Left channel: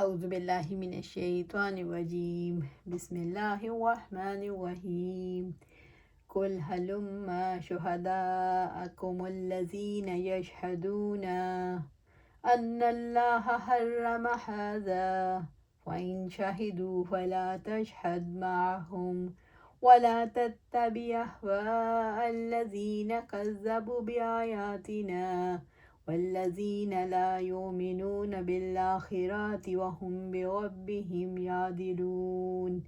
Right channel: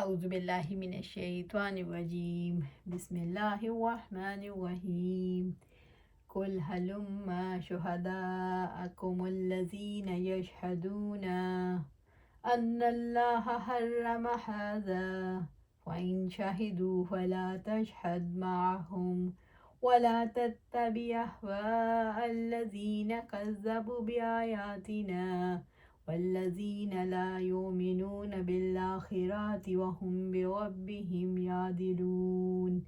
اعوذ باللہ من الشیطان الرجیم بسم اللہ الرحمن الرحیم قل هلم شہداءکم الذین یشہدون ان اللہ حرم ھذا فإن شہدوا فلا تشہد معهم ولا تتبع أهواء الذین کذبوا بآیاتنا والذین لا یؤمنون بالآخرة وهم بربهم یعدلون۔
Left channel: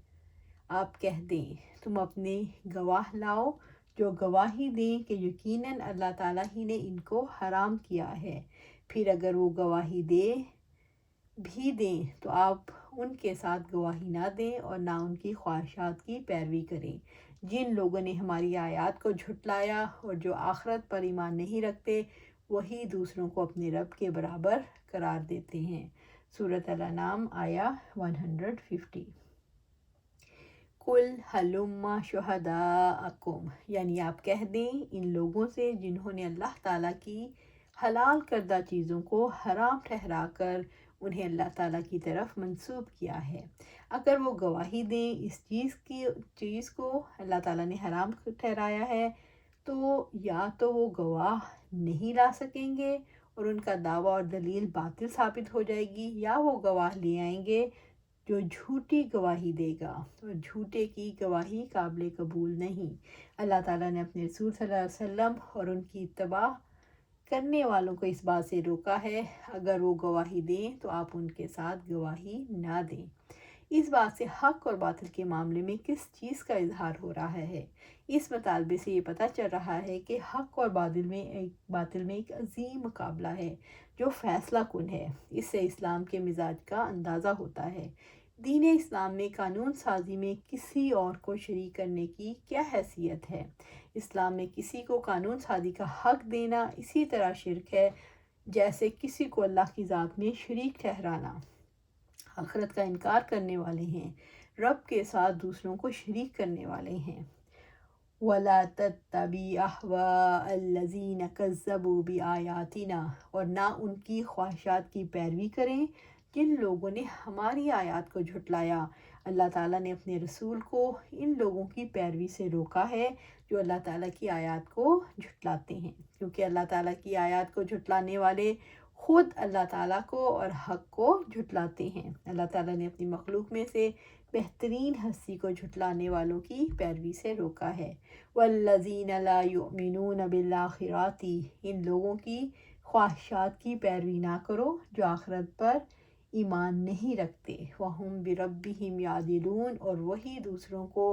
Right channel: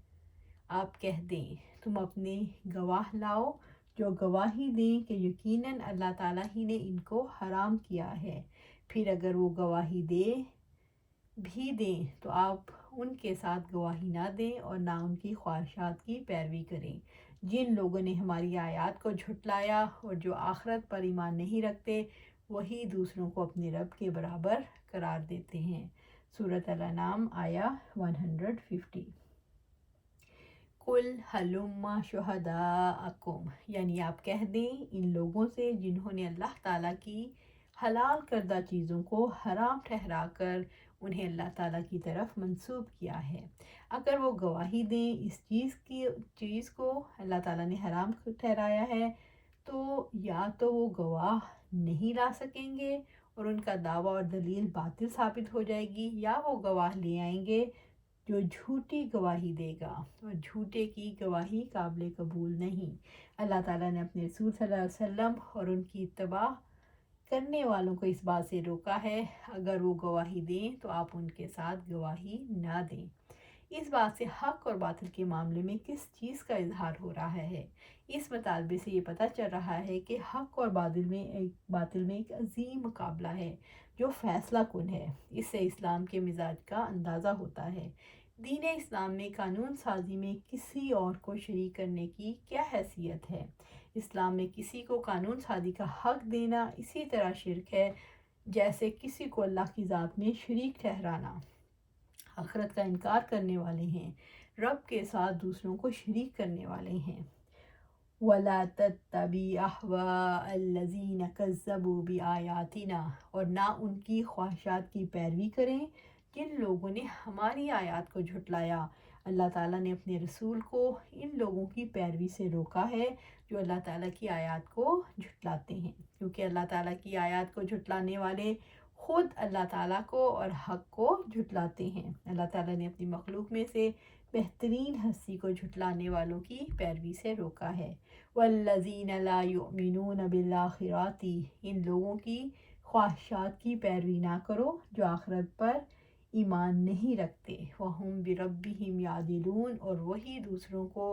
آپ کہہ دیں تم اپنے گواہ لاؤ جو گواہی دیں کہ یقیناً اللہ تعالیٰ ہی نے ان کو حرام کیا ہے، پھر اگر وہ گواہی بھی دیں تو آپ ان کے ساتھ گواہی نہ دیں اور نہ ان کی خواہشات کی پیروی کریں۔ جن لوگوں نے ہماری آیات کو جھٹلایا اور جو آخرت پر ایمان نہیں رکھتے وہی دوسروں کو اپنے رب کے برابر قرار دیتے ہیں۔ سورۃ الانعام آیا 150۔ قل ہلم شہداءکم، یعنی آپ کہہ دیں ان لوگوں سے جنہوں نے اللہ تعالیٰ کی حلال کردہ چیزوں کو حرام ٹھہرا کر انہیں اللہ تعالیٰ کی طرف منسوب کیا ہے، اگر وہ گواہی دیں اس چیز کو اللہ تعالیٰ نے حرام ٹھہرایا ہے تو یا تو وہ گواہ نہیں لا سکیں گے اور ان کا دعویٰ اور دلیل باطل ثابت ہو جائے گی، یا وہ گواہ لے آئیں گے جو جھوٹی گواہی دے گا، اور جھوٹے کی گواہی قابل قبول نہیں۔ اللہ تعالیٰ نے اپنے رسول صلی اللہ علیہ وسلم اور ان کی اتباع کرنے والوں کو اس بات سے روکا ہے اگر وہ گواہی دیں تو آپ ان کے ساتھ گواہی نہ دیں۔ اس بات سے حق اور باطل کے معاملے میں کس چیز کا اظہار ہو رہا ہے؟ اس مطالبے سے یہ پتہ چل رہا ہے کہ حق اور باطل میں ایک عظیم مقابلہ ہے جو فیصلہ کن ہے۔ اس سے اسلام کے مزاج کا اندازہ ہوتا ہے۔ دین اسلام میں قانون سازی میں کسی اور کو شریک کرنے کی کیا حیثیت ہے؟ اسلام میں کسی کو قانون سازی کا حق دینا اسی طرح شرک ہے جیسے کسی کو اللہ کی ذات میں شریک ٹھہرانا۔ آخرت کا انکار کرنے والے ہیں، رب کے ساتھ دوسروں کو شریک کرنے والے ہیں۔ وَلَا تَتَّبِعْ أَهْوَاءَ الَّذِينَ كَذَّبُوا بِآيَاتِنَا، اور نہ ان کی خواہشات کی پیروی کریں جن لوگوں نے ہماری آیات کو جھٹلایا۔ اللہ تعالیٰ نے اپنے رسول کو ان لوگوں کی پیروی سے روکا ہے جو اللہ تعالیٰ کی آیات کو جھٹلاتے ہیں، کیونکہ اللہ تعالیٰ کی آیات کو جھٹلانے والے خود اللہ تعالیٰ کو اور حق کو جھٹلاتے ہیں۔ اللہ تعالیٰ نے اپنی مخلوق میں سے بہترین ہستی کو جھٹلانے والوں کی پیروی سے روکا ہے۔ وَالَّذِينَ لَا يُؤْمِنُونَ بِالْآخِرَةِ، ان لوگوں کی خواہشات کی پیروی نہ کرو جو آخرت پر ایمان نہیں رکھتے۔ وَهُمْ بِرَبِّهِمْ يَعْدِلُونَ، اور وہی دوسروں کو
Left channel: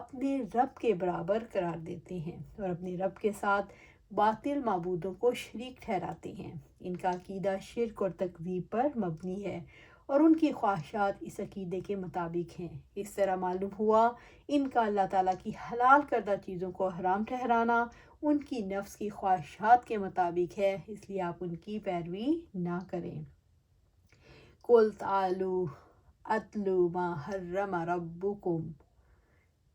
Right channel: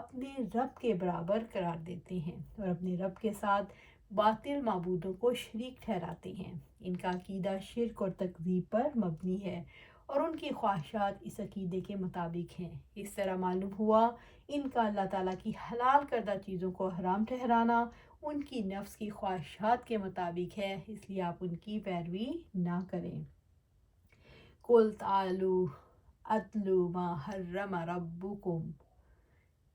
اپنے رب کے برابر قرار دیتے ہیں اور اپنے رب کے ساتھ باطل معبودوں کو شریک ٹھہراتے ہیں۔ ان کا عقیدہ شرک اور تکذیب پر مبنی ہے اور ان کی خواہشات اس عقیدے کے مطابق ہیں۔ اس طرح معلوم ہوا ان کا اللہ تعالیٰ کی حلال کردہ چیزوں کو حرام ٹھہرانا ان کی نفس کی خواہشات کے مطابق ہے، اس لیے آپ ان کی پیروی نہ کریں۔ قُلْ تَعَالَوْا أَتْلُو مَا حَرَّمَ رَبُّكُمْ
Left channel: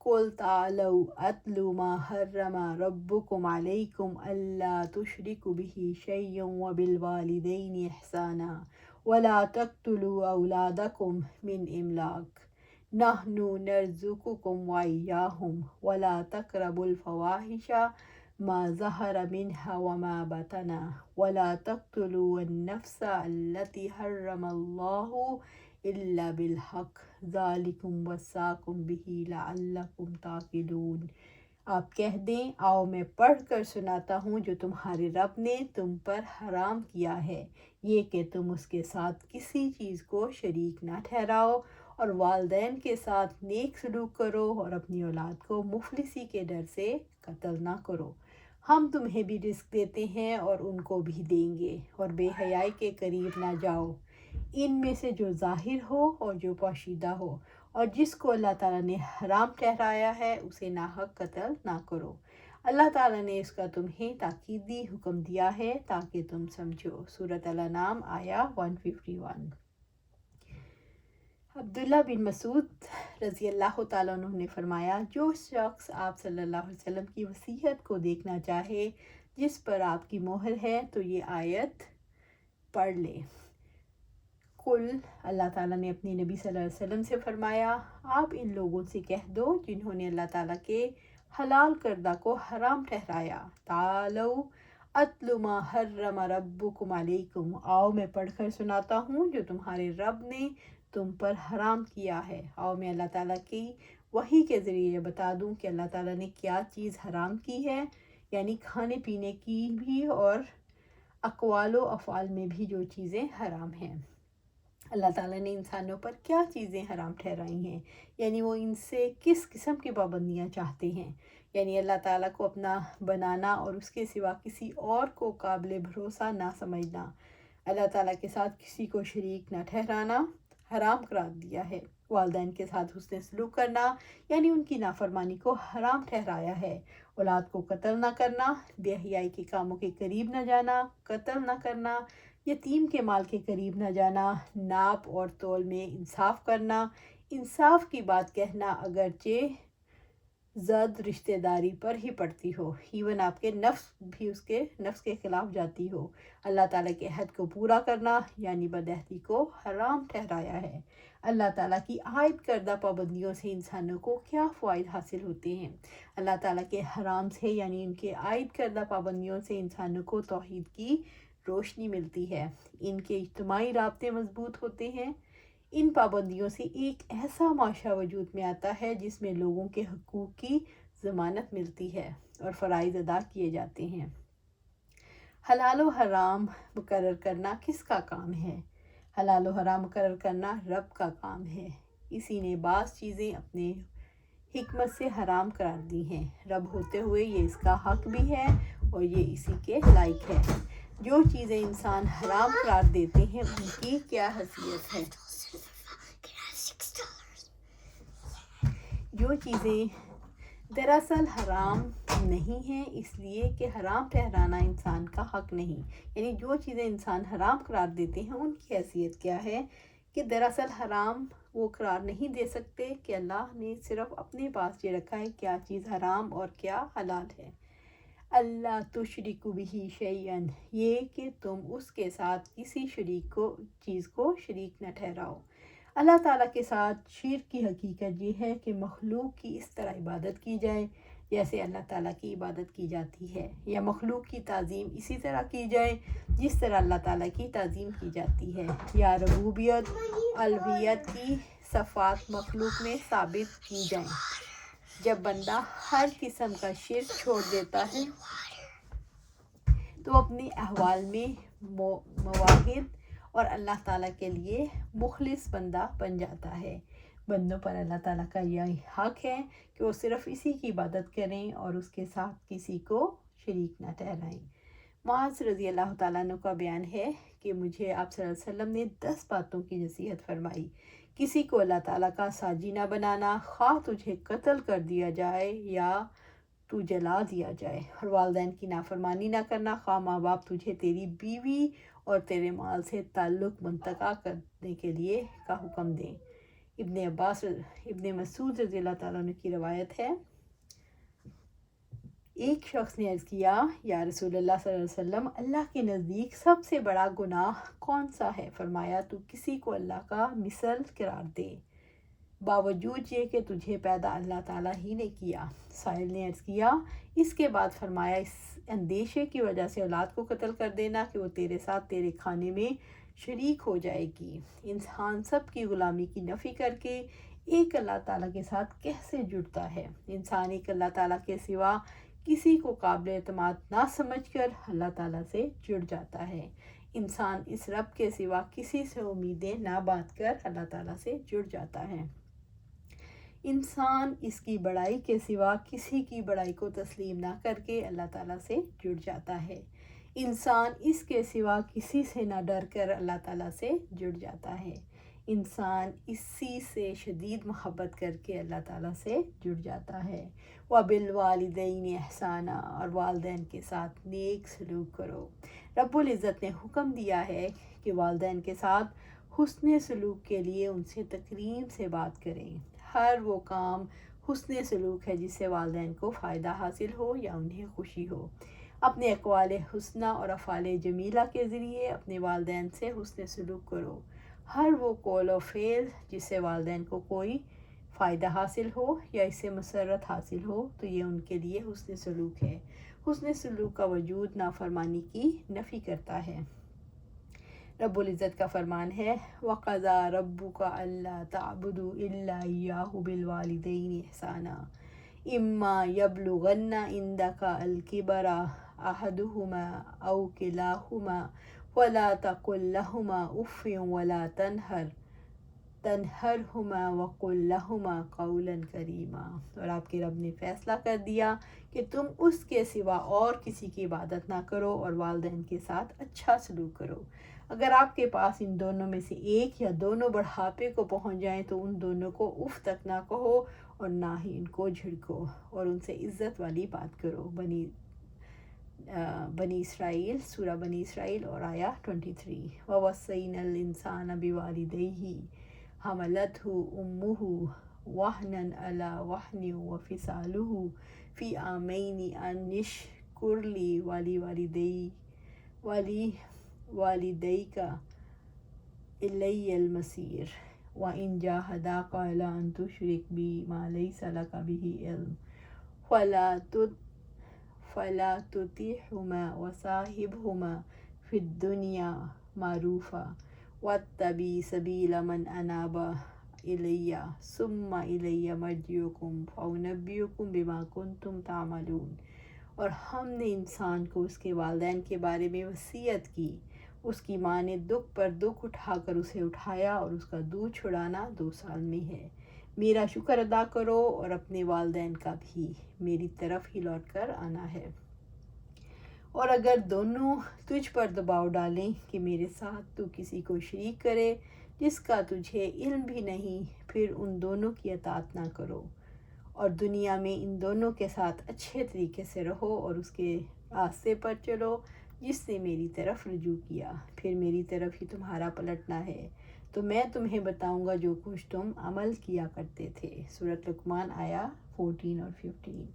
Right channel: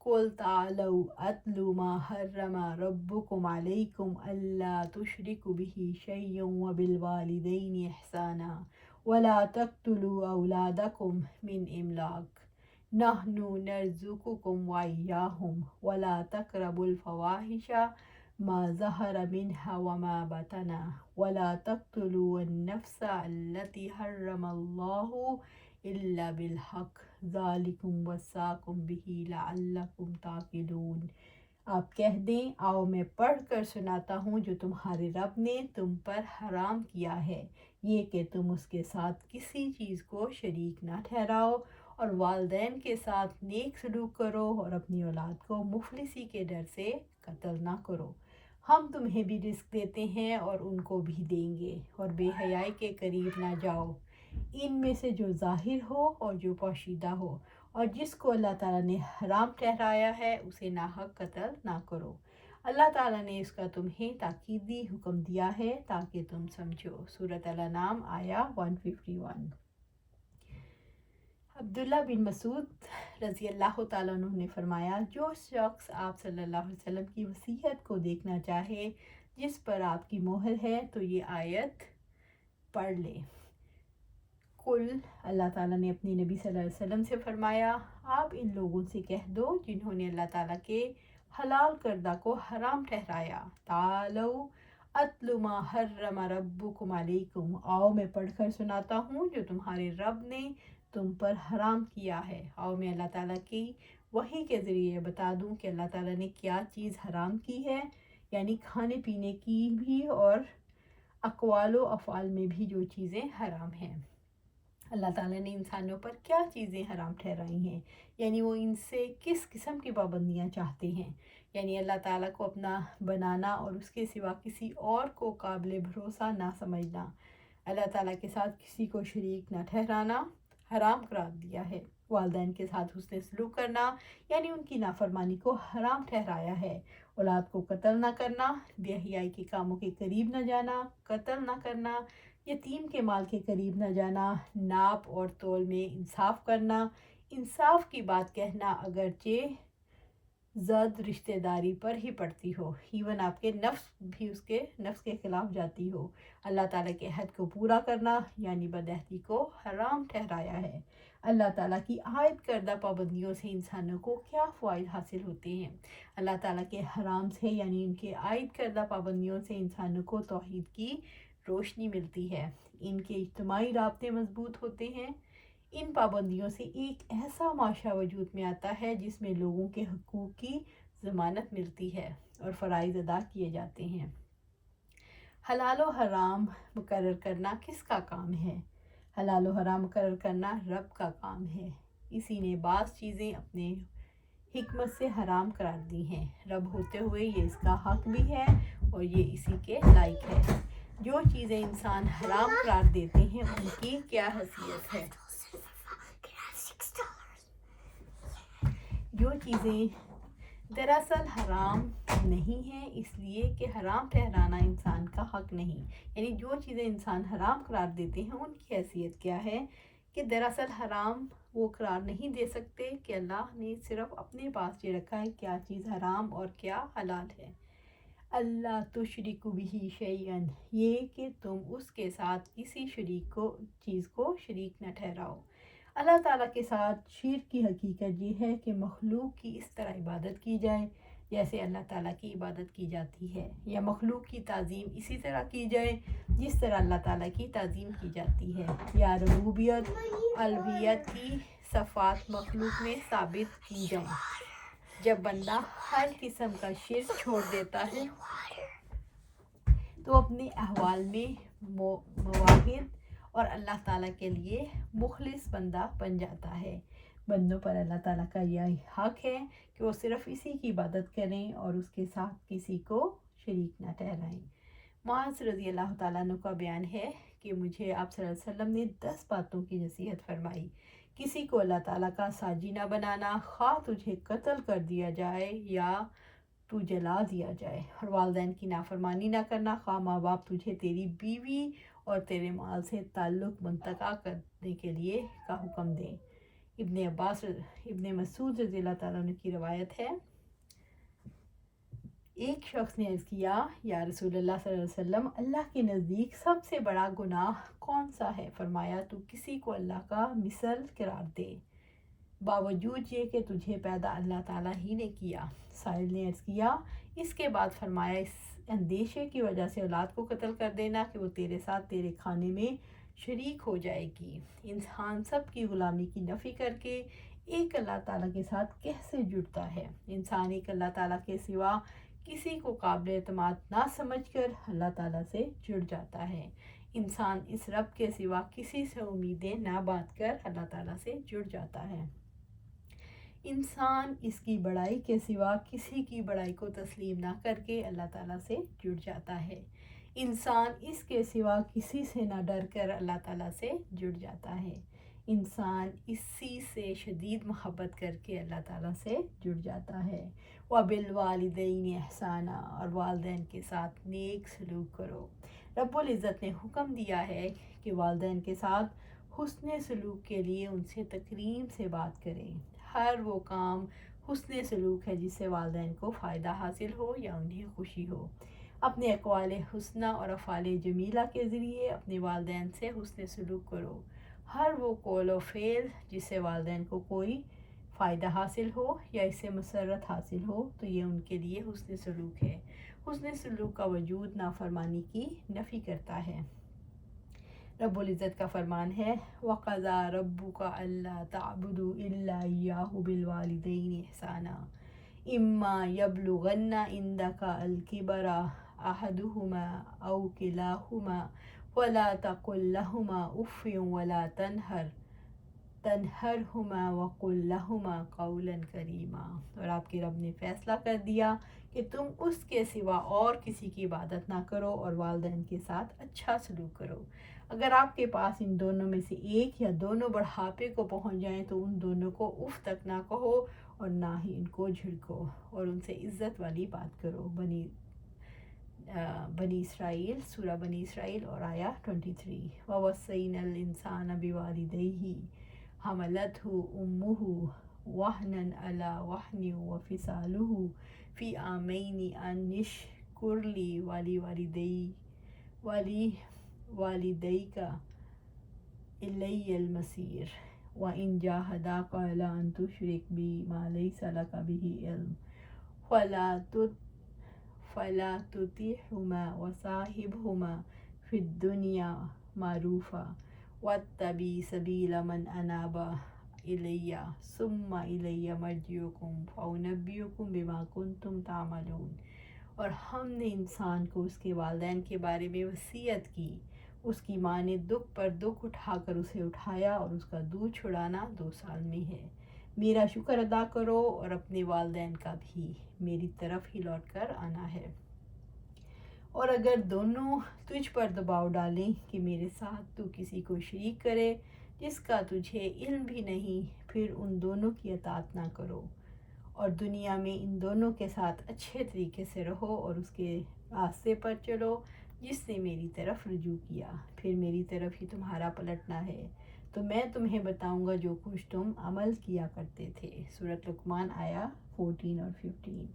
قُلْ تَعَالَوْا أَتْلُو مَا حَرَّمَ رَبُّكُمْ عَلَيْكُمْ أَلَّا تُشْرِكُوا بِهِ شَيْئًا وَبِالْوَالِدَيْنِ إِحْسَانًا وَلَا تَقْتُلُوا أَوْلَادَكُمْ مِنْ إِمْلَاقٍ نَحْنُ نَرْزُقُكُمْ وَإِيَّاهُمْ وَلَا تَقْرَبُوا الْفَوَاحِشَ مَا ظَهَرَ مِنْهَا وَمَا بَطَنَ وَلَا تَقْتُلُوا النَّفْسَ الَّتِي حَرَّمَ اللَّهُ إِلَّا بِالْحَقِّ ذَلِكُمْ وَصَّاكُمْ بِهِ لَعَلَّكُمْ تَعْقِلُونَ۔ آپ کہہ دیں آؤ میں پڑھ کر سناتا ہوں جو تمہارے رب نے تم پر حرام کیا ہے، یہ کہ تم اس کے ساتھ کسی چیز کو شریک نہ ٹھہراؤ اور والدین کے ساتھ نیک سلوک کرو اور اپنی اولاد کو مفلسی کے ڈر سے قتل نہ کرو۔ ہم تمہیں بھی رزق دیتے ہیں اور ان کو بھی دیں گے، اور بے حیائی کے قریب نہ جاؤ، ان میں سے جو ظاہر ہو اور جو پوشیدہ ہو، اور جس کو اللہ تعالیٰ نے حرام ٹھہرایا ہے اسے ناحق قتل نہ کرو۔ اللہ تعالیٰ نے اس کا تمہیں تاکیدی حکم دیا ہے تاکہ تم سمجھو۔ سورۃ الانعام آیا 151۔ عبداللہ بن مسعود رضی اللہ تعالیٰ عنہ نے فرمایا، جو شخص آپ صلی اللہ علیہ وسلم کی وصیت کو دیکھنا چاہے جس پر آپ کی مہر ہے تو یہ آیت پڑھ لے۔ کل اللہ تعالیٰ نے اپنے نبی صلی اللہ علیہ وسلم سے فرمایا آپ ان لوگوں سے کہہ دو جنہوں نے اللہ تعالیٰ کے حلال کردہ کو حرام ٹھہرایا، تعالوا اتل ما حرم ربکم علیکم، آؤ میں پڑھ کر سناتا ہوں جو تمہارے رب نے تم پر حرام کیا ہے۔ آؤ میں اللہ تعالیٰ کی وحی کے ذریعے بتا دوں کہ اللہ تعالیٰ نے کیا چیز حرام کی ہے، یعنی کھانے پینے کی بھی اور اقوال و افعال میں بھی جو چیزیں حرام ہیں۔ اللہ تعالیٰ نے انسانوں پر کیا چیزیں حرام ٹھہرائی ہیں، یعنی وہ ان سے کس قسم کی پابندیاں چاہتے ہیں، یعنی اللہ تعالیٰ کو اپنا بنانا اور اس کے سوا کسی اور کو قابل بھروسہ نہ سمجھنا، اللہ تعالیٰ کے ساتھ کسی کو شریک نہ ٹھہرانا حرام قرار دیا ہے۔ والدین کے ساتھ حسن سلوک کرنا یعنی ان کی نافرمانی کو حرام ٹھہرایا ہے۔ اولاد کو قتل نہ کرنا، بے حیائی کے کاموں کے قریب نہ جانا، قتل نہ کرنا، یتیم کے مال کے قریب نہ جانا، ناپ اور تول میں انصاف کرنا، انصاف کی بات کہنا اگرچہ زد رشتہ داری پر ہی پڑتی ہو، ایون آپ کے نفس بھی اس کے نفس کے خلاف جاتی ہو، اللہ تعالیٰ کے عہد کو پورا کرنا یعنی بدعہدی کو حرام ٹھہرایا ہے۔ اللہ تعالیٰ کی عائد کردہ پابندیوں سے انسانوں کو کیا فوائد حاصل ہوتے ہیں؟ اللہ تعالیٰ کے حرام سے یعنی ان کے عائد کردہ پابندیوں سے انسانوں کو توحید کی روشنی ملتی ہے، ان کے اجتماعی رابطے مضبوط ہوتے ہیں، ان پابندیوں سے ایک ایسا معاشرہ وجود میں آتا ہے جس میں لوگوں کے حقوق کی ضمانت ملتی ہے اور فرائض ادا کیے جاتے ہیں۔ حلال و حرام مقرر کرنا کس کا کام ہے؟ حلال و حرام مقرر کرنا رب کا کام ہے، اسی نے بعض چیزیں اپنے حکمت سے حرام قرار دی ہیں، رب ہوتے ہوئے یہ اس کا حق بھی ہے اور یہ اسی کے لائق ہے۔ جو چیزیں انسان حرام قرار دیتے ہیں ان کی کیا حیثیت ہے؟ جو چیزیں دراصل حرام نہیں ہیں اس لیے کہ حرام ٹھہرانا انسان کا حق نہیں، یعنی جو چیزیں انسان حرام قرار دیتے ہیں ان کی حیثیت کیا ہے کہ دراصل حرام وہ قرار نہیں دے سکتے کہ اللہ نے صرف اپنے پاس یہ رکھا ہے کیا چیز حرام اور کیا حلال ہے۔ اللہ تشرکوا بہ شیئا، یہ کہ تم اس کے ساتھ کسی چیز کو شریک نہ ٹھہراؤ۔ اللہ تعالیٰ کے ساتھ شرک کی حقیقت یہ ہے کہ مخلوق کی اس طرح عبادت کی جائے جیسے اللہ تعالیٰ کی عبادت کی جاتی ہے، یا مخلوق کی تعظیم اسی طرح کی جائے جس طرح اللہ تعالیٰ کی تعظیم کی جاتی ہے، یا ربوبیت الوہیت کی صفات مخلوق میں ثابت کی جائیں۔ جب بندہ ہر قسم کا شرک چھوڑ دیتا ہے تو اپنے احوال میں موحد اور اللہ تعالیٰ کے لیے مخلص بندہ بن جاتا ہے۔ بندوں پر اللہ تعالیٰ کا یہ حق ہے کہ وہ صرف اسی کی عبادت کریں اور اس کے ساتھ کسی کو شریک نہ ٹھہرائیں۔ معاذ رضی اللہ تعالیٰ عنہ کا بیان ہے کہ مجھے آپ صلی اللہ علیہ وسلم نے 10 باتوں کی نصیحت فرمائی۔ کسی کو اللہ تعالیٰ کا ساجی نہ بنانا، خواہ تجھے قتل کر دیا جائے یا تو جلا دیا جائے، اور والدین کی نافرمانی نہ کرنا، خواہ ماں باپ تجھے تیری بیوی اور تیرے مال سے تعلق منتقع کرنے کے لیے کا حکم دیں۔ ابن مسعود رضی اللہ تعالیٰ عنہ کی روایت ہے، ایک شخص نے عرض کیا یا رسول اللہ صلی اللہ علیہ وسلم، اللہ کے نزدیک سب سے بڑا گناہ کون سا ہے؟ فرمایا تو کسی کو اللہ کا مثل قرار دے باوجود یہ کہ تجھے پیدا اللہ تعالیٰ ہی نے کیا۔ سائل نے عرض کیا، اس کے بعد فرمایا اس اندیشے کی وجہ سے اولاد کو قتل کر دینا کہ وہ تیرے ساتھ تیرے کھانے میں شریک ہو جائے گی۔ انسان سب کی غلامی کی نفی کر کے ایک اللہ تعالیٰ کے ساتھ کیسے جڑتا ہے؟ انسان ایک اللہ تعالیٰ کے سوا کسی کو قابل اعتماد نہ سمجھ کر اللہ تعالیٰ سے جڑ جاتا ہے۔ انسان اس رب کے سوا کسی سے امیدیں نہ باندھ کر اللہ تعالیٰ سے جڑ جاتا ہے۔ انسان اس کی بڑائی کے سوا کسی کی بڑائی کو تسلیم نہ کر کے اللہ تعالیٰ سے جڑ جاتا ہے۔ انسان اس کے سوا کسی سے نہ ڈر کر اللہ تعالیٰ سے جڑ جاتا ہے۔ انسان اسی سے شدید محبت کر کے اللہ تعالیٰ سے جڑ جاتا ہے۔ وَبِالْوَالِدَيْنِ إِحْسَانًا، اور والدین کے ساتھ نیک سلوک کرو۔ رب العزت نے حکم دیا ہے کہ والدین کے ساتھ حسن سلوک کے لیے ان سے تکریم سے بات کریں۔ ہر وہ کام حسن سلوک ہے جس سے والدین کو فائدہ حاصل ہو یا انہیں خوشی ہو۔ اپنے اقوال حسنہ اور افعال جمیلہ کے ذریعے اپنے والدین سے حسن سلوک کرو۔ ہر وہ قول و فعل جس سے والدین کو کوئی فائدہ حاصل ہو یا اس سے مسرت حاصل ہو تو یہ ان کے لیے حسن سلوک ہے۔ حسن سلوک کا وجود نافرمانی کی نفی کرتا ہے۔ رب العزت کا فرمان ہے وَقَضَىٰ رَبُّكَ أَلَّا تَعْبُدُوا إِلَّا إِيَّاهُ بِالْوَالِدَيْنِ إِحْسَانًا إِمَّا يَبْلُغَنَّ عِندَكَ الْكِبَرَ أَحَدُهُمَا أَوْ كِلَاهُمَا فَلَا تَقُل لَّهُمَا أُفٍّ وَلَا تَنْهَرْهُمَا وَقُل لَّهُمَا قَوْلًا كَرِيمًا۔ اور آپ کے رب نے فیصلہ کر دیا کہ تم اس کے سوا اور کسی کی عبادت نہ کرو اور والدین کے ساتھ اچھا سلوک کرو۔ اگر آپ کے پاس ان دونوں میں سے ایک یا دونوں بڑھاپے کو پہنچ جائیں تو ان دونوں کو اف تک نہ کہو اور نہ ہی ان کو جھڑکو اور ان سے عزت والی بات کرو۔ بنی اسرائیل، سورہ بنی اسرائیل اور آیا 23۔ وَوَصَّيْنَا الْإِنسَانَ بِوَالِدَيْهِ حَمَلَتْهُ أُمُّهُ وَهْنًا عَلَى وَهْنٍ وَفِصَالُهُ فِي عَامَيْنِ أَنِ اشْكُرْ لِي وَلِوَالِدَيْكَ إِلَيَّ الْمَصِيرُ وَإِنْ جَاهَدَاكَ عَلَىٰ أَن تُشْرِكَ بِي مَا لَيْسَ لَكَ بِهِ عِلْمٌ فَلَا تُطِعْهُمَا وَصَاحِبْهُمَا فِي الدُّنْيَا مَعْرُوفًا وَاتَّبِعْ سَبِيلَ مَنْ أَنَابَ إِلَيَّ ثُمَّ إِلَيَّ مَرْجِعُكُمْ فَأُنَبِّئُكُم بِمَا كُنتُمْ تَعْمَلُونَ۔ اور ہم نے انسان کو اس کے والدین کے بارے میں وصیت کی۔ اس کی ماں نے دکھ پر دکھ اٹھا کر اسے اٹھایا اور اس کا دودھ چھڑانا 2 سال میں ہے۔ میرا شکر ادا کرو اور اپنے والدین کا بھی، میری طرف ہی لوٹ کر آنا ہے۔ اور اگر دونوں تجھ پر دباؤ ڈالیں کہ میرے ساتھ تو کسی کو شریک کرے جس کا تجھے علم بھی نہیں، پھر ان دونوں کی اطاعت نہ کرو اور دنیا میں ان دونوں کے ساتھ اچھے طریقے سے رہو اور اس کے راستے پر چلو جس نے میری طرف رجوع کیا، پھر میری طرف ہی تمہارا پلٹنا ہے تو میں تمہیں بتاؤں گا جو کچھ تم عمل کیا کرتے تھے۔ سورۃ لقمان آیا 14 اور 15۔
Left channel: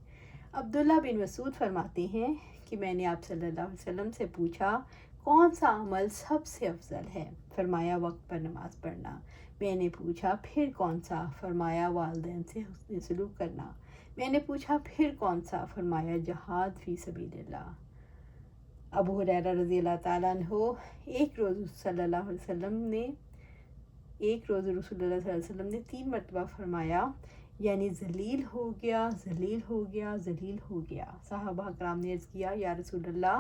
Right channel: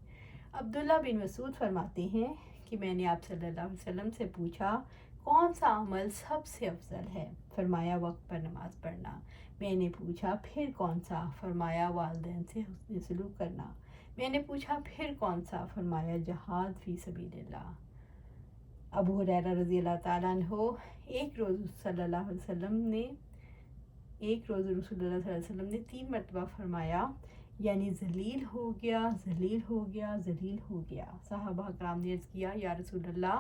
عبداللہ بن مسعود فرماتے ہیں کہ میں نے آپ صلی اللہ علیہ وسلم سے پوچھا کون سا عمل سب سے افضل ہے؟ فرمایا وقت پر نماز پڑھنا۔ میں نے پوچھا پھر کون سا؟ فرمایا والدین سے حسن سلوک کرنا۔ میں نے پوچھا پھر کون سا؟ فرمایا جہاد فی سبیل اللہ۔ ابو ہریرہ رضی اللہ تعالیٰ عنہ ایک روز رسول اللہ صلی اللہ علیہ وسلم نے 3 مرتبہ فرمایا یعنی ذلیل ہو گیا، ذلیل ہو گیا، ذلیل ہو گیا۔ صحابہ کرام نے عرض کیا یا رسول اللہ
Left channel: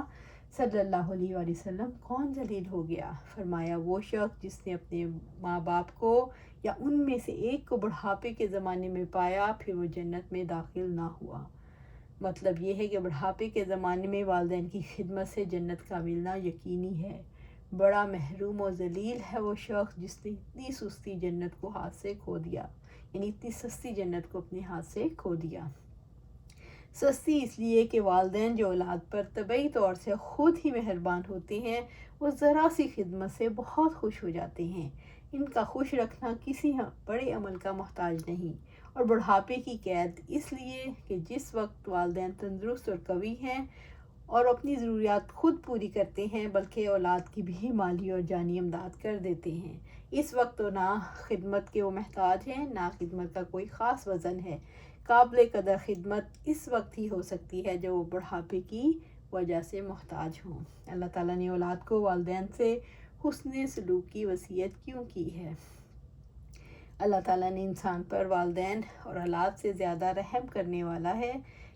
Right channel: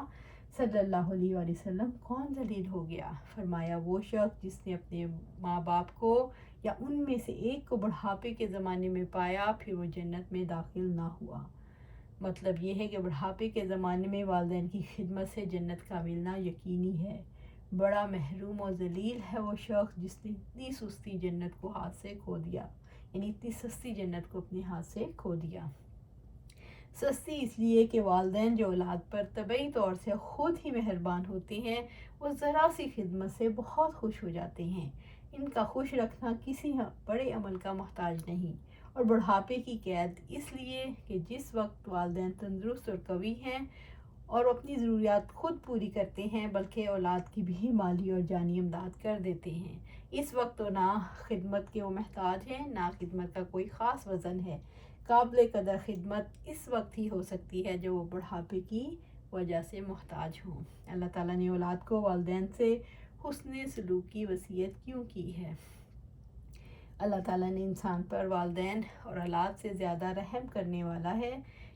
صلی اللہ علیہ وآلہ وسلم کون ذلیل ہو گیا؟ فرمایا وہ شخص جس نے اپنے ماں باپ کو یا ان میں سے ایک کو بڑھاپے کے زمانے میں پایا پھر وہ جنت میں داخل نہ ہوا۔ مطلب یہ ہے کہ بڑھاپے کے زمانے میں والدین کی خدمت سے جنت کا ملنا یقینی ہے۔ بڑا محروم و ذلیل ہے وہ شخص جس نے اتنی سستی جنت کو ہاتھ سے کھو دیا، یعنی اتنی سستی جنت کو اپنے ہاتھ سے کھو دیا۔ سستی اس لیے کہ والدین جو اولاد پر طبعی طور سے خود ہی مہربان ہوتے ہیں وہ ذرا سی خدمت سے بہت خوش ہو جاتے ہیں۔ ان کا خوش رکھنا کسی بڑے عمل کا محتاج نہیں۔ اور بڑھاپے کی قید اس لیے کہ جس وقت والدین تندرست اور قوی ہیں اور اپنی ضروریات خود پوری کرتے ہیں بلکہ اولاد کی بھی مالی اور جانی امداد کر دیتے ہیں، اس وقت تو نہ خدمت کے وہ محتاج ہیں نہ خدمت کا کوئی خاص وزن ہے۔ قابل قدر خدمت اس وقت ہی ہو سکتی ہے جب وہ بڑھاپے کی وجہ سے محتاج ہوں۔ اللہ تعالیٰ نے اولاد کو والدین سے حسن سلوک کی وصیت کیوں کی ہے؟ اللہ تعالیٰ نے انسان پر والدین اور اولاد سے زیادہ رحم کرنے والا ہے،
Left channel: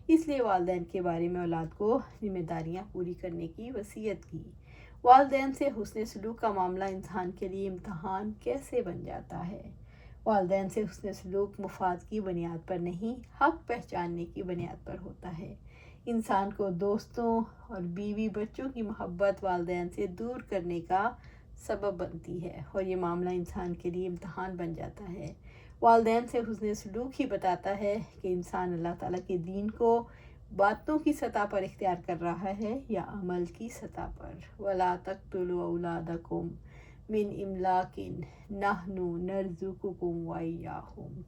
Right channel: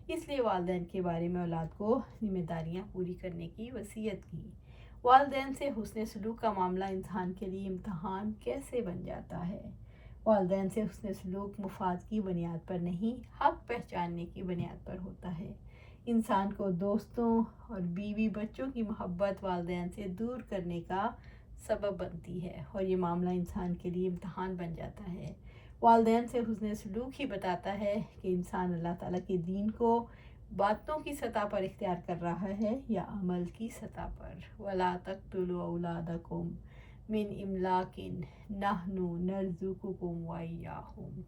اس لیے والدین کے بارے میں اولاد کو ذمہ داریاں پوری کرنے کی وصیت کی۔ والدین سے حسن سلوک کا معاملہ انسان کے لیے امتحان کیسے بن جاتا ہے؟ والدین سے حسن سلوک مفاد کی بنیاد پر نہیں، حق پہچاننے کی بنیاد پر ہوتا ہے۔ انسان کو دوستوں اور بیوی بچوں کی محبت والدین سے دور کرنے کا سبب بنتی ہے اور یہ معاملہ انسان کے لیے امتحان بن جاتا ہے۔ والدین سے حسن سلوک ہی بتاتا ہے کہ انسان اللہ تعالیٰ کے دین کو باتوں کی سطح پر اختیار کر رہا ہے یا عمل کی سطح پر۔ وَلَا تَقْتُلُوا أَوْلَادَكُمْ مِنْ إِمْلَاقٍ نَحْنُ نَرْزُقُكُمْ وَإِيَّاهُمْ۔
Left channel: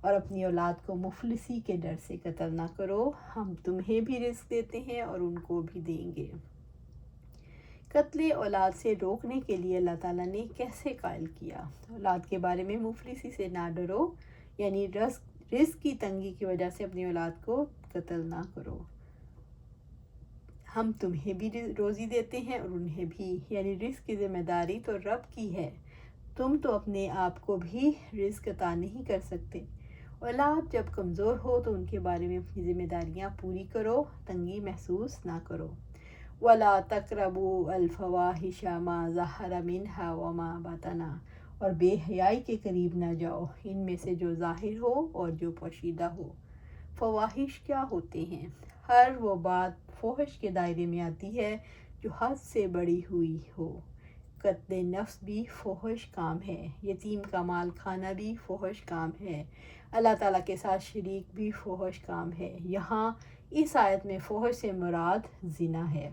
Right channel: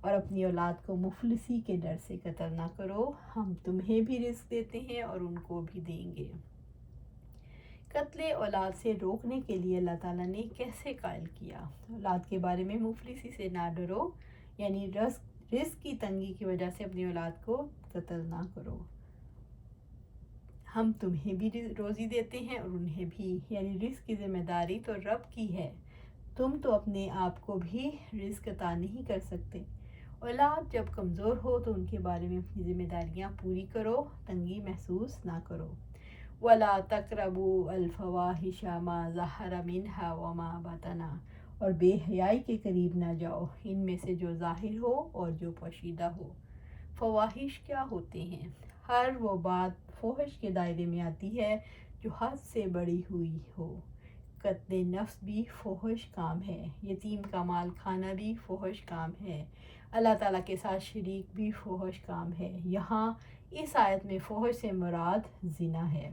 اور اپنی اولاد کو مفلسی کے ڈر سے قتل نہ کرو، ہم تمہیں بھی رزق دیتے ہیں اور ان کو بھی دیں گے۔ قتل اولاد سے روکنے کے لیے اللہ تعالیٰ نے کیسے قائل کیا؟ اولاد کے بارے میں مفلسی سے نہ ڈرو، یعنی رزق کی تنگی کی وجہ سے اپنی اولاد کو قتل نہ کرو۔ ہم تمہیں بھی روزی دیتے ہیں اور انہیں بھی، یعنی رزق کی ذمہ داری تو رب کی ہے، تم تو اپنے آپ کو بھی رزق عطا نہیں کر سکتے۔ اولاد جب کمزور ہو تو ان کے بارے میں اپنی ذمہ داریاں پوری کرو، تنگی محسوس نہ کرو۔ وَلَا تَقْرَبُوا الْفَوَاحِشَ مَا ظَهَرَ مِنْهَا وَمَا بَطَنَ، اور بے حیائی کے قریب نہ جاؤ، ان میں سے جو ظاہر ہو اور جو پوشیدہ ہو۔ فواحش کیا ہوتے ہیں؟ ہر وہ بات فحش کے دائرے میں آتی ہے جو حد سے بڑی ہوئی ہو۔ قتل نفس بھی فحش کام ہے، یتیم کا مال کھانا بھی فحش کام ہے، اللہ تعالیٰ کے ساتھ شریک بھی فحش کام ہے۔ یہاں اس آیت میں فحش سے مراد زنا ہے۔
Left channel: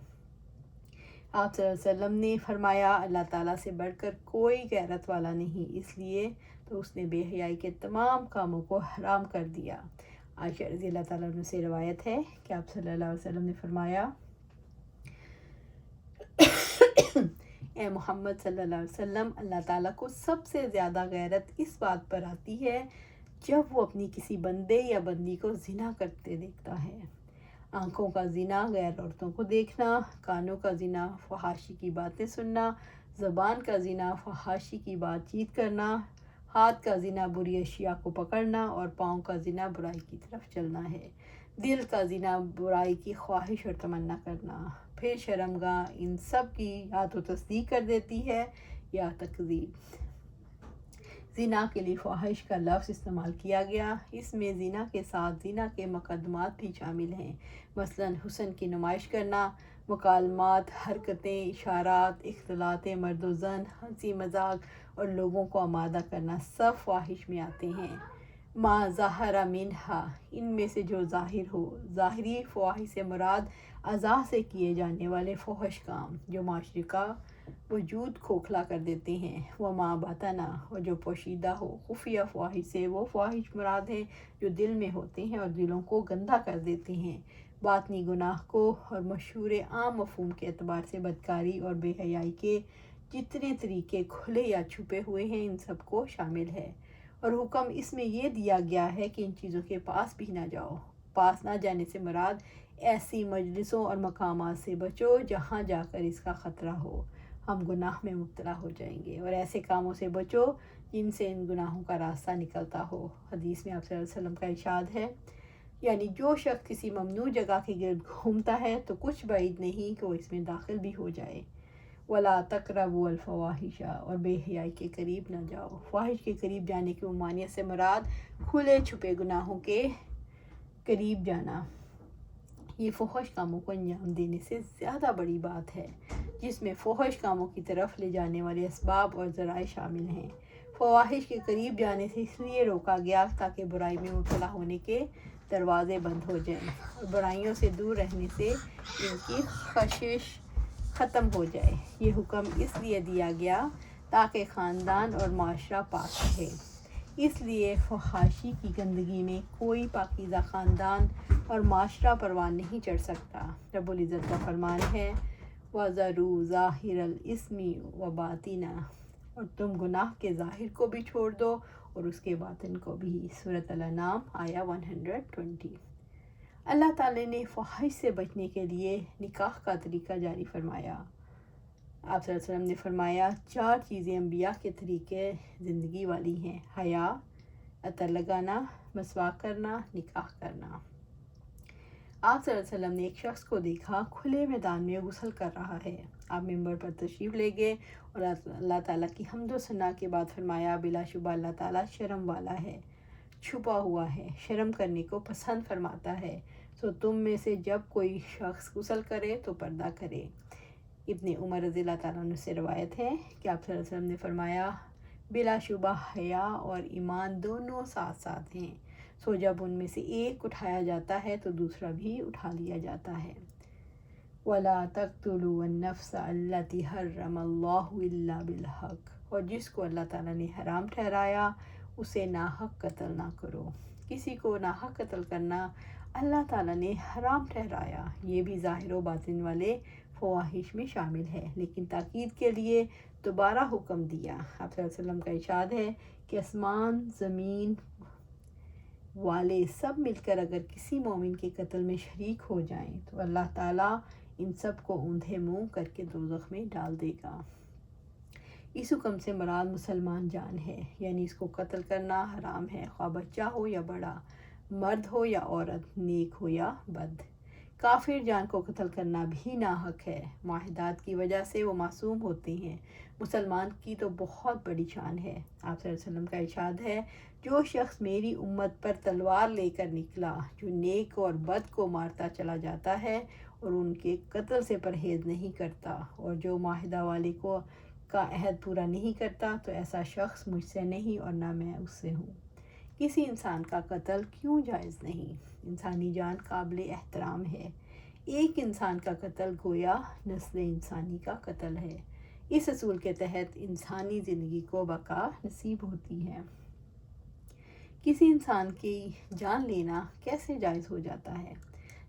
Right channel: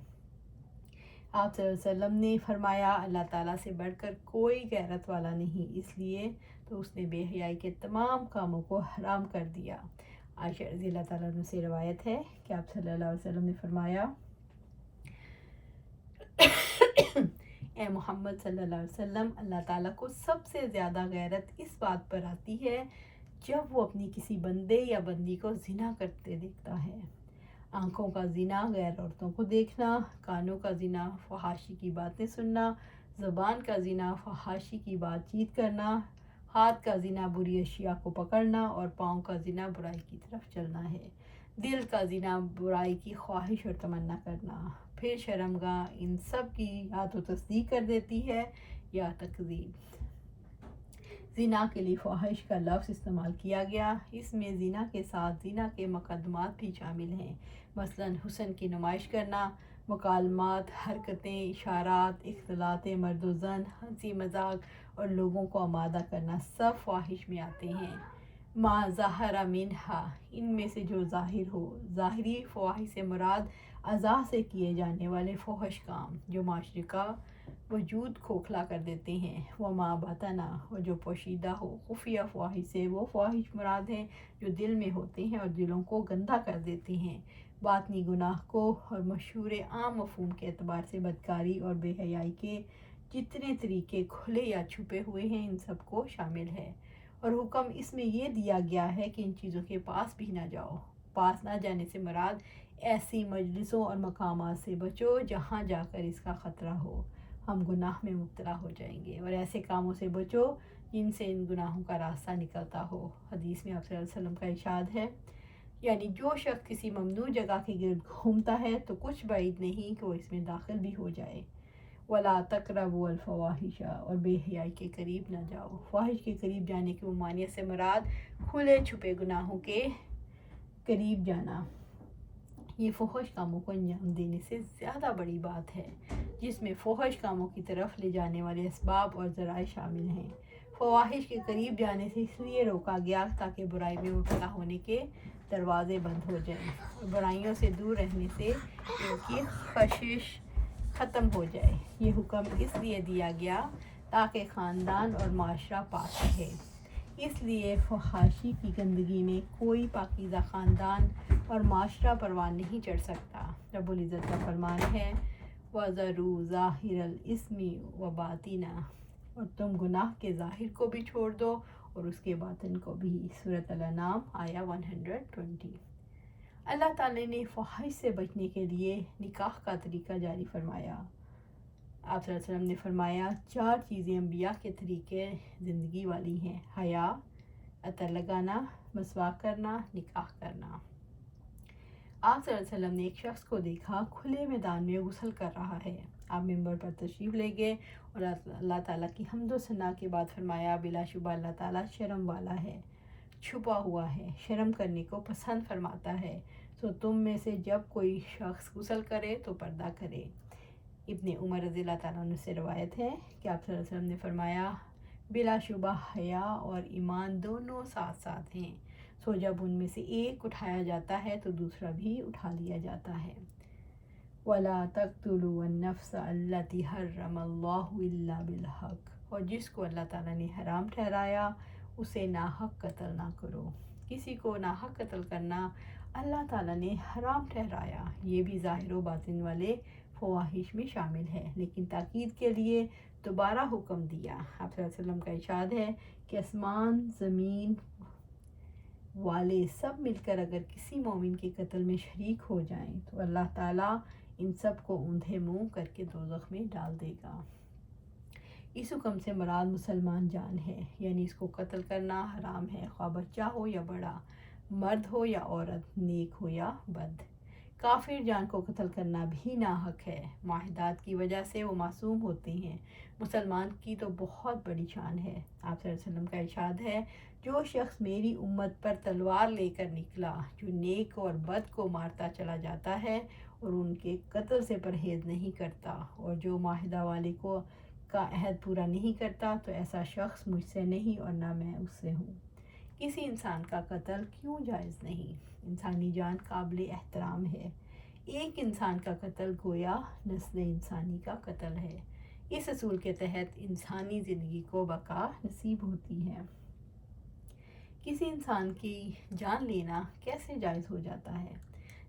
آپ صلی اللہ علیہ وسلم نے فرمایا اللہ تعالیٰ سے بڑھ کر کوئی غیرت والا نہیں، اس لیے تو اس نے بے حیائی کے تمام کاموں کو حرام کر دیا۔ عائشہ رضی اللہ تعالیٰ عنہ سے روایت ہے کہ آپ صلی اللہ علیہ وسلم نے فرمایا اے محمد صلی اللہ علیہ وسلم، اللہ تعالیٰ کو سب سے زیادہ غیرت اس بات پر آتی ہے جب وہ اپنی کسی بندے یا بندی کو زنا کرتے دیکھتا ہے۔ آنکھوں کا زنا غیر عورتوں کو دیکھنا، کانوں کا زنا فحاشی کی باتیں سننا، زبان کا زنا فحاشی کی بات چیت کرنا، ہاتھ کا زنا بری اشیاء کو پکڑنا، اور پاؤں کا زنا برائی کی طرف چلنا ہے۔ دل کا زنا برائی کی خواہش اور تمنا کرنا، پھر شرمگاہ ان سب کی یا تو تصدیق کر دیتی ہے یا تکذیب۔ زنا کے لیے فحش کا لفظ استعمال کیا گیا، اس میں زنا کے ساتھ زنا کے مقدمات بھی شامل ہیں، مثلا حسن کی نمائش کرنا، مکالمات، حرکتیں، اشارات، اختلاط مرد و زن، ہنسی مذاق اور لوگوں کو آمادہ کرنا سب فحش میں آتے ہیں۔ ما ظہر منہا، ان میں سے جو ظاہر ہو۔ ظاہری فحش سے مراد اعضاء سے کیے جانے والے فحش کام جو معاشرے کا وجود کھوکھلا کر دیتے ہیں۔ وما بطن، اور جو پوشیدہ ہو۔ خفیہ فحش سے وہ فحش مراد ہیں جو دل میں ہوتے ہیں اور دلوں کو گندہ کر دیتے ہیں۔ باطنی گناہ کو اور مشہور عام مفہوم کے اعتبار سے بدکاری اور بے حیائی کے جتنے طریقے کھلے یا چھپے ہوئے ہیں ان سب کو شامل ہے، اور حکم اس میں یہ دیا گیا ہے کہ ان چیزوں کے پاس بھی نہ جاؤ۔ پاس نہ جانے سے مراد ایسی مجلسوں اور مقامات سے بچو جہاں جا کر اس کا خطرہ ہو ہم گناہ میں مبتلا ہو جائیں گے، اور ایسے کاموں سے بچو جن سے ان گناہوں کا راستہ نکلتا ہو۔ حدیث میں آپ صلی اللہ علیہ وسلم کا ارشاد ہے، یعنی جو شخص کسی ممنوع جگہ کے گرد گھومتا ہے تو کچھ بعید نہیں کہ وہ اس میں داخل بھی ہو جائے۔ وَلَا تَقْرَبُوا الْفَوَاحِشَ، اور بے حیائی کے قریب نہ جاؤ۔ فواحش کے قریب جانے کی ممانعت سے مراد کھلے چھپے گناہوں کے قریب جانا، یہ فحش کاموں کو انجام دینے سے زیادہ بڑی بات ہے، جس میں فحش کاموں کی طرف لے جانے والے اسباب اور ذرائع شامل ہیں۔ فواحش کے قریب جانے سے اس لیے روکا گیا تاکہ برائی میں مبتلا ہونے کے دروازے بند ہو جائیں، اور برائیوں سے دور رہنے سے ان کی خشش ختم ہو جائے۔ یہ حکم اس لیے دیا گیا تاکہ خاندان اور معاشرہ پاک رہے، اس لیے فحاشی کی گندگی میں کوئی پاکیزہ خاندان اور معاشرہ پروان نہیں چڑھ سکتا۔ رب العزت کا فرمان ہے وَذَرُوا ظَاهِرَ الْإِثْمِ وَبَاطِنَهُ، اور تم گناہ کے ظاہر کو بھی چھوڑ دو اور اس کے باطن کو بھی۔ سورۃ الانعام آیہ 120۔ اللہ تعالی نے فحش سے بچنے کے لیے نکاح کا طریقہ جاری فرمایا۔ آپ صلی اللہ علیہ وسلم نے فرمایا 4 چیزیں انبیاء کے طریقے زندگی والی ہیں: حیا، عطر لگانا، مسواک کرنا، نکاح کرنا۔ آپ صلی اللہ علیہ وسلم نے ایک شخص کو دیکھا کھلے میدان میں غسل کر رہا ہے۔ آپ منبر پر تشریف لے گئے اور اللہ تعالیٰ کی حمد و ثنا کے بعد فرمایا بلا شبہ اللہ تعالیٰ شرم والا ہے، چھپا ہوا ہے، شرم کرنے کو پسند فرماتا ہے، سو تم میں سے جب کوئی شخص غسل کرے تو پردہ کرے۔ ابن عمر رضی اللہ تعالیٰ عنہ سے روایت ہے کہ آپ صلی اللہ علیہ وسلم نے فرمایا بلا شبہ حیا اور ایمان دونوں ساتھ ساتھ ہیں، سو جب ان میں سے ایک اٹھایا جاتا ہے تو دوسرا بھی اٹھا لیا جاتا ہے۔ وَلَا تَقْتُلُوا النَّفْسَ الَّتِي حَرَّمَ اللَّهُ إِلَّا بِالْحَقِّ، اور جس کو اللہ تعالیٰ نے حرام ٹھہرایا اسے ناحق قتل نہ کرو۔ کسی کو ناحق قتل کرنا اللہ تعالیٰ نے حرام ٹھہرایا، یہ بھی ظاہر و باطن والے فواہش میں شامل ہے، لیکن تاکید کے لیے دوبارہ حکم دیا۔ آپ صلی اللہ علیہ وسلم کا ارشاد ہے کہ آسمان زمین والے سب مل کر اگر کسی مومن کے قتل میں شریک ہو جائیں تو اللہ تعالیٰ ان سب کو اوندھے منہ کر کے دوزخ میں ڈال دے گا۔ اس حکم سے مراد مسلمان جان ہے، یعنی اس کو قتل کرنا حرام ہے، خواہ بچہ ہو یا بڑا، مرد ہو یا عورت، نیک ہو یا بد۔ کافر جان کو قتل کرنا بھی ناحق ہے، معاہدات کی وجہ سے وہ معصوم ہوتے ہیں۔ مسلمان کی تو بہت بڑی شان ہے۔ آپ صلی اللہ علیہ وسلم کا ارشاد ہے، جو شخص میری امت پر تلوار لے کر نکلا، جو نیک اور بد کو مارتا چلا جاتا ہے اور ان کے قتل سے پرہیز نہیں کرتا، اور جو معاہدہ والے کا عہد پورا نہیں کرتا، تو ایسا شخص مجھ سے نہیں اور نہ میں اس سے ہوں۔ کسی انسان کا قتل کیوں جائز نہیں؟ انسانی جان قابل احترام ہے۔ ایک انسان کا قتل گویا نسل انسانی کا قتل ہے۔ اس اصول کے تحت انسانی زندگی کو بقا نصیب ہوتی ہے۔ کسی انسان کی جان لینا کیسے جائز ہو جاتا ہے؟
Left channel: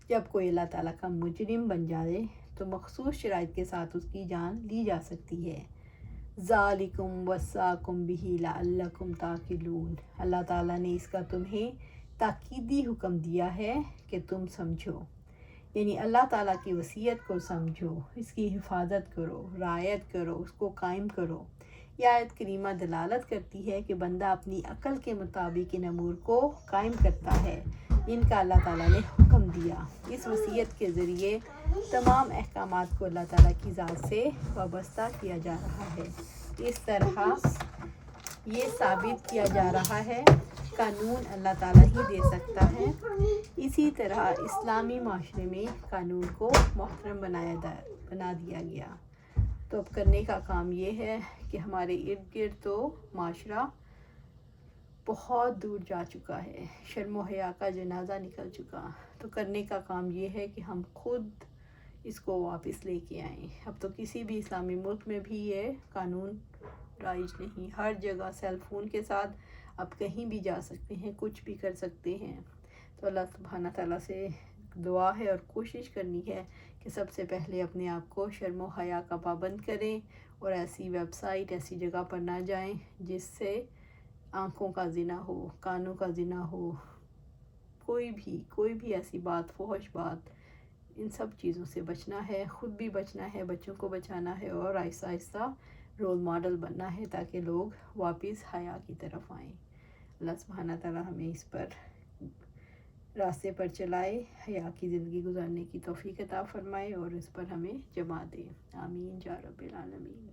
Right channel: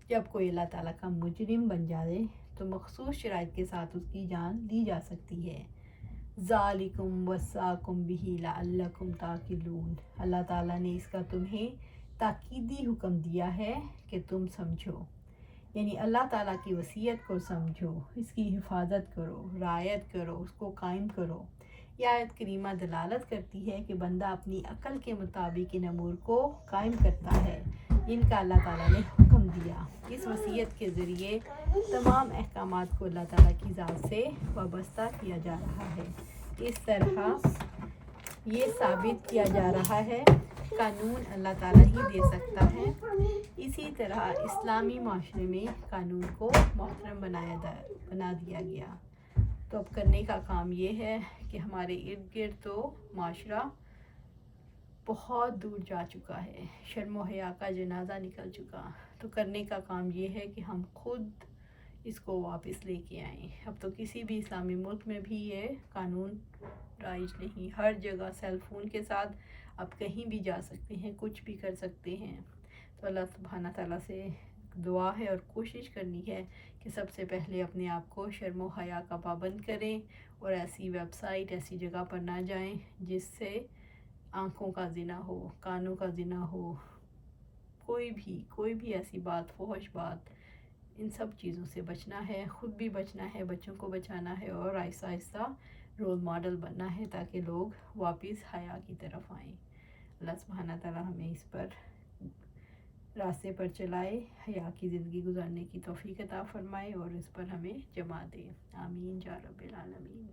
جب کوئی اللہ تعالیٰ کا مجرم بن جائے تو مخصوص شرائط کے ساتھ اس کی جان لی جا سکتی ہے۔ ذالکم وصاکم بہ لعلکم تعقلون، اللہ تعالیٰ نے اس کا تمہیں تاکیدی حکم دیا ہے کہ تم سمجھو، یعنی اللہ تعالیٰ کی وصیت کو سمجھو، اس کی حفاظت کرو، رعایت کرو، اس کو قائم کرو۔ یہ آیت کریمہ دلالت کرتی ہے کہ بندہ اپنی عقل کے مطابق ان امور کو قائم کرتا ہے جن کا اللہ تعالیٰ نے حکم دیا۔ اس وصیت کے ذریعے تمام احکامات کو اللہ تعالیٰ کی ذات سے وابستہ کیا جا رہا ہے۔ اس طرح یہ ثابت کیا جا رہا ہے قانون اللہ تعالیٰ ہی دے سکتا ہے۔ اسی طرح اسلامی معاشرے میں قانون کو محترم بنا دیا گیا۔ تو اب کرنے کا کام یہ ہے کہ ہمارے ارد گرد تو معاشرہ بہت دور جا چکا ہے، شرم و حیا کا جنازہ نکل چکا، تو کرنے کا کام یہ ہے کہ ہم خود اس کو واپس لے کے آئیں۔ اب تو کسی بھی اسلامی ملک میں بھی یہ قانون رائج نہیں، ہر جگہ سیل فون کے ساتھ آپ کہیں بھی جا سکتے ہیں، کچھ بھی کر سکتے ہیں۔ تو اللہ سبحانہ تعالیٰ سے دعا ہے اور کوشش کرنی ہے کہ سب سے پہلے اپنے آپ کو شرم و حیا کا پابند کریں اور ایسی ویب سائٹ، ایسی جگہ پر نہ جائیں جس سے آنکھوں کا زنا ہو، کانوں کا زنا ہو، کوئی بھی ایسی بات، فحش بات، ان سب چیزوں سے بچنا ہے، خود بھی بچنا ہے، بچوں کو بچانا ہے اور آہستہ آہستہ رول ماڈل بننا ہے تاکہ لوگ واپس حیا کی طرف آئیں۔ اللہ سبحانہ تعالیٰ ہمیں اس پر راستے پر چلائے، حیا کی زندگی گزارنے کی توفیق عطا فرمائے اور اس پر ہمیں جمع دے۔ آمین یا رب العالمین۔